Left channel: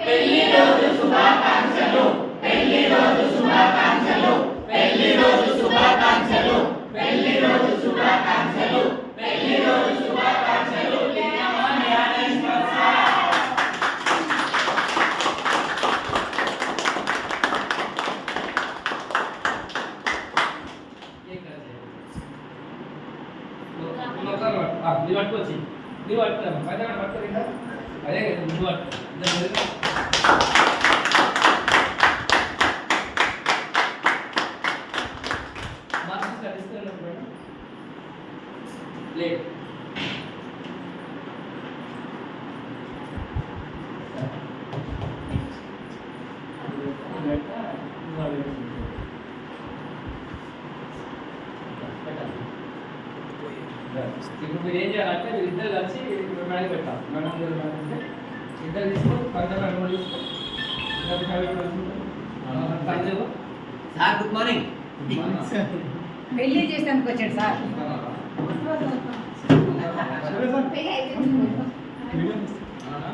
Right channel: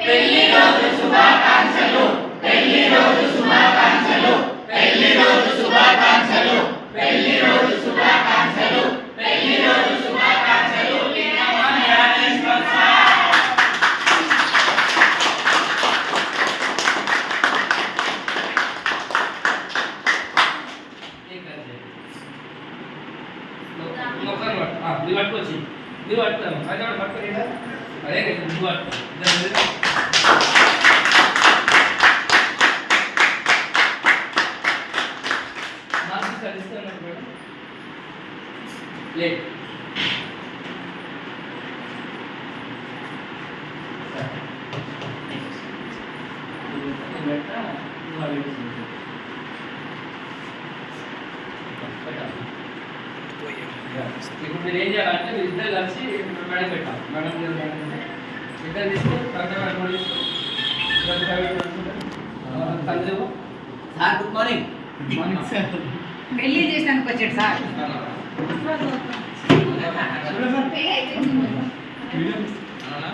పెళ్లి రోజు శుభాకాంక్షలు పెళ్లి రోజు శుభాకాంక్షలు పెళ్లి రోజు శుభాకాంక్షలు పెళ్లి రోజు శుభాకాంక్షలు పెళ్లి రోజు శుభాకాంక్షలు జ్ఞానేశ్వర్ సార్ పట్టుకొచ్చి నువ్వు పట్టుతాను అయితే పట్టుకోలేదా అదే నువ్వు మార్క్స్ కలుస్తున్నప్పుడు లే ఇప్పుడు మీరు ఏం చేయాలంటే మీరు ఇద్దరు కలిసి మేడం పెట్టాలి మేడం ఇద్దరు తీసుకొని పక్కన సార్ గుడ్ మార్నింగ్ పెళ్లి చేసానికి వచ్చాడు సార్. అవునా